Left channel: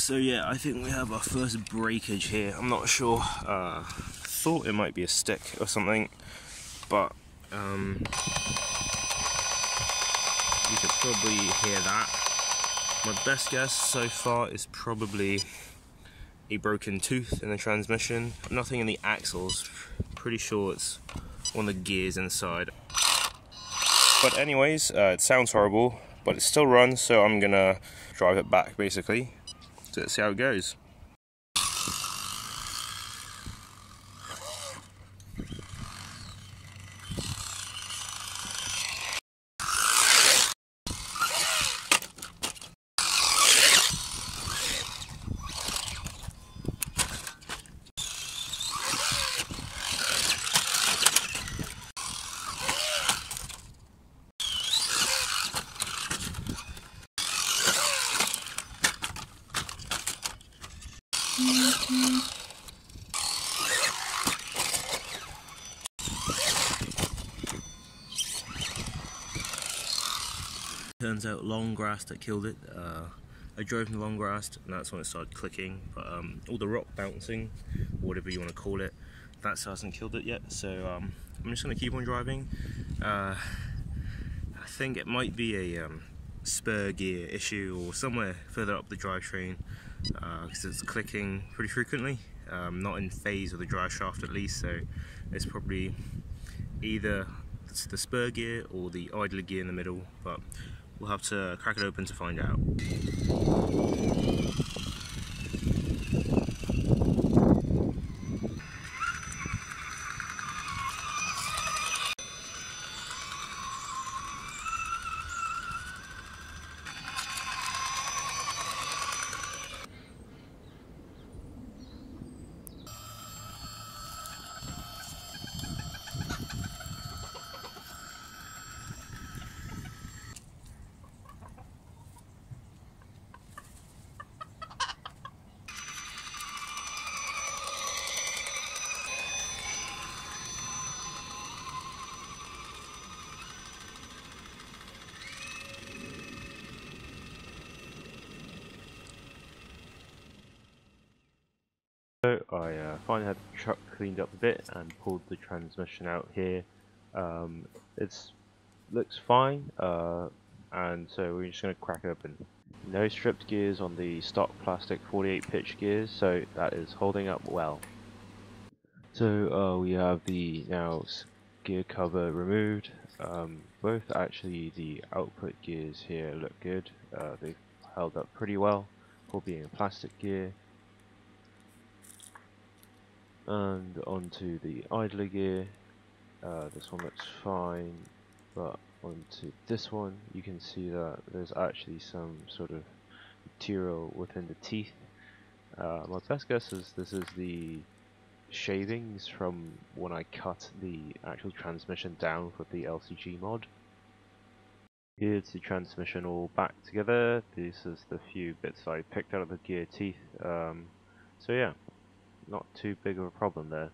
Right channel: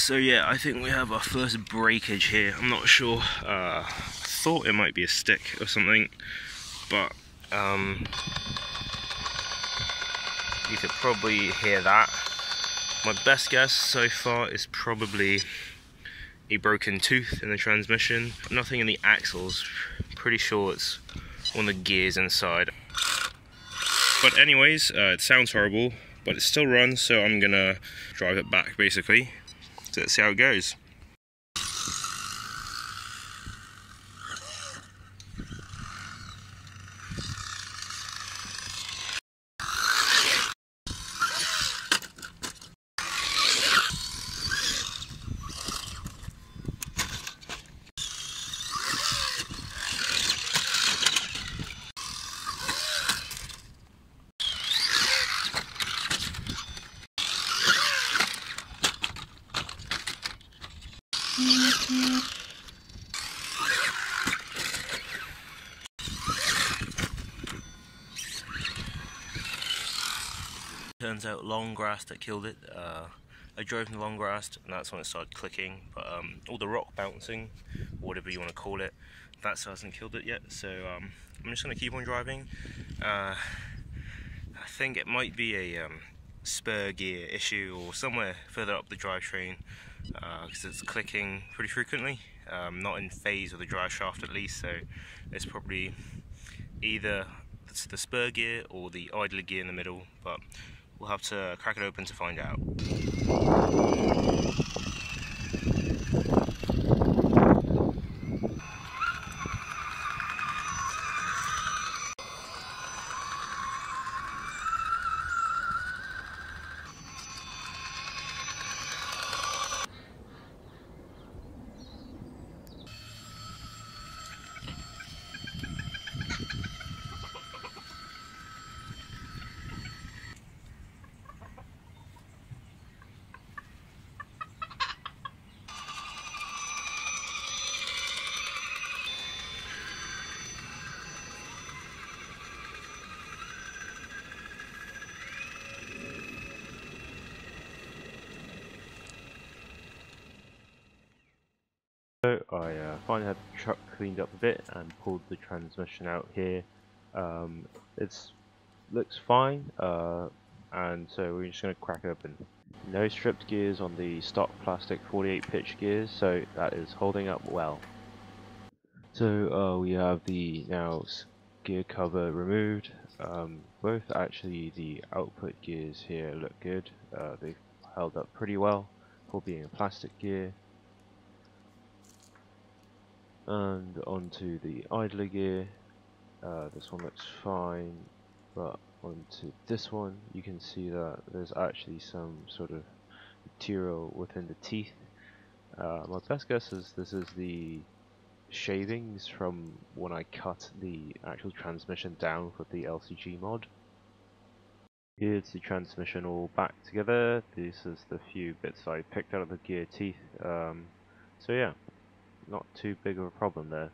So yeah, I think we have our first breakage here. I'm not sure. I thought it might be a stick or something, but you could probably hear that. My best guess so far is probably a broken tooth in the transmission. Nothing in the axles. Pretty sure it's one of the gears inside. But anyways, it sounds horrible, but it still runs, so I'm gonna drive it back basically. So let's see how it goes. Turns out long grass that killed it. I drove in the long grass and that's when it started clicking, but all the rock bouncing, whatever you want to call it, that hasn't killed it yet, so I'm just going to keep on driving. I think it might be a spur gear issue or somewhere further up the drivetrain, because it's clicking pretty frequently, not in phase with the drive shaft at least, so it's probably either the spur gear or the idler gear in the middle, but we'll have to crack it open to find out. So I finally had the truck cleaned up a bit and pulled the transmission out here. It looks fine, and so we're just going to crack it open. No stripped gears on the stock plastic 48 pitch gears, so that is holding up well. So we have the gear cover removed. Both actually the output gears here look good. They've held up pretty well for being a plastic gear. And onto the idler gear. This one looks fine, but onto this one you can see that there's actually some sort of material within the teeth. My best guess is this is the shavings from when I cut the actual transmission down with the LCG mod. Here's the transmission all back together. This is the few bits I picked out of the gear teeth. So yeah, not too big of a problem there.